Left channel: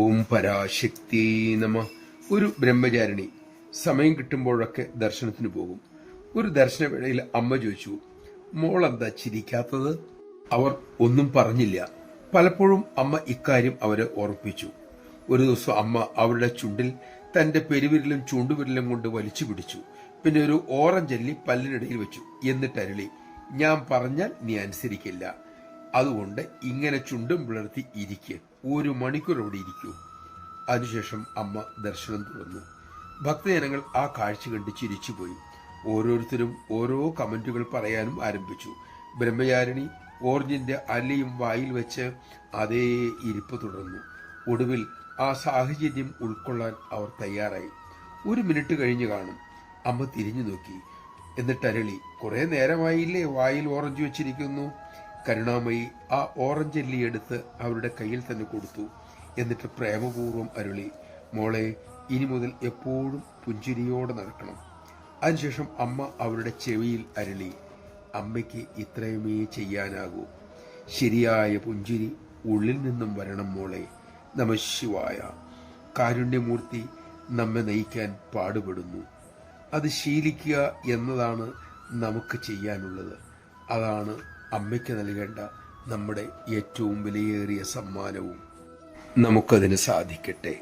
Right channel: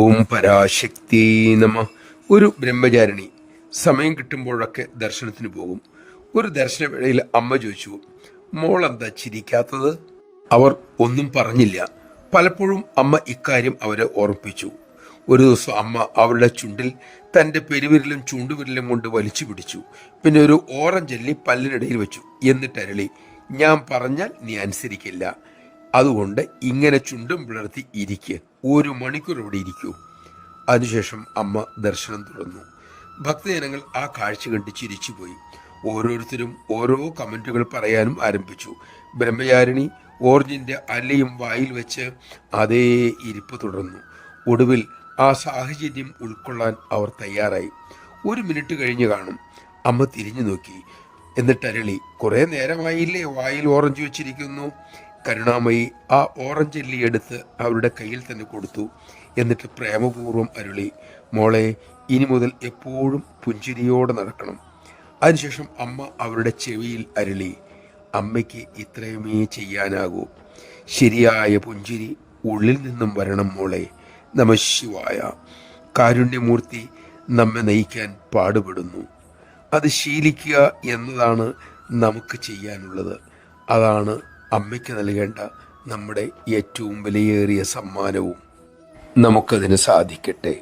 ഓം പരാശക്തി നമ. ഒരു ബ്രഹ്മചാരിണി സമയം കിട്ടുമ്പോഴൊക്കെ ദർശനത്തിന് പോകും. ഒരു ദർശനവേളയിൽ അമ്മ ചോദിച്ചു, മോൾ എന്താ ചിരിക്കാത്തത്? അവർ ഒന്നും പറഞ്ഞില്ല. പലപ്പോഴും അമ്മ ഇക്കാര്യം അവരെ ഓർമ്മിപ്പിച്ചു. ഒരു ദിവസം അമ്മ അവരുടെ ചുണ്ടിൽ തൻ്റെ പെരുവിരലും ചൂണ്ടുവിരലും കൊണ്ട് വലിച്ചു പിടിച്ചു. പിന്നെ ഒരു ഓറഞ്ചല്ലി പല്ലിനിടയിൽ വെച്ചു. എന്നിട്ട് അരളി, ഞാൻ പറഞ്ഞാൽ നീ അനുസരിക്കില്ല, അതുകൊണ്ട് ഇങ്ങനെ ചുണ്ടും പിളർത്തി ഇരിക്കുക, 1 മണിക്കൂർ ഇവിടെ ഇരിക്കൂ. അതിനുശേഷം അമ്മ ദർശനം തുടർന്നു. ഭക്തജനങ്ങൾ ആ കാഴ്ച കണ്ട് ചിരിച്ചുപോയി. ഓരോരുത്തരും ഓരോ കമന്റുകൾ പറയാനും ആരംഭിച്ചു. ബ്രഹ്മചാരിണി ഓറഞ്ചിന്റെ അല്ലയും വായിൽ വെച്ച് അതേ ഇരിപ്പ് തുടർന്നു. ഒടുവിൽ ആ സാഹചര്യം ഉൾക്കൊള്ളാൻ അവർ തയ്യാറായി. 1 മിനിറ്റ് കഴിഞ്ഞ് കാണും. അമ്മ തിരിഞ്ഞു നോക്കി. എന്നിട്ട് അരളി, കുറെ നേരമായില്ലേ വായിൽ ഓറഞ്ച് വെച്ചിരിക്കുന്നു. കരുണാമയി ആ ഓറഞ്ചല്ലി എടുത്ത് അവരുടെ കയ്യിൽ തന്നെ കൊടുത്തു. എന്നിട്ട് പ്രേമപൂർവ്വം അരുളി, മോളെ, ഇനി മുതൽ എപ്പോഴും പുഞ്ചിരിയോടെ നടക്കണം. അതിനുശേഷം അമ്മ അവരുടെ ചെവിയിൽ അരുളി, അമ്മയ്ക്ക് ഇത്രയുമേ ചെയ്യാനാകൂ. ശരിയായ പുഞ്ചിരി ഉള്ളിൽ നിന്നും വരണം മോളെ. നമഃശിവായ. കാരുണ്യമൂർത്തി നമ്മെ നയിക്കാൻ പാടുപെടുന്നു. അത് ശീലിക്കുക എന്നതാണ് നമുക്ക് ചെയ്യാനുള്ളത്. അതാണ് അമ്മയ്ക്ക് നൽകേണ്ട നമ്മുടെ ഏറ്റവും വിലയേറിയ സമ്മാനവും. നമുക്കതിന് സാധിക്കട്ടെ.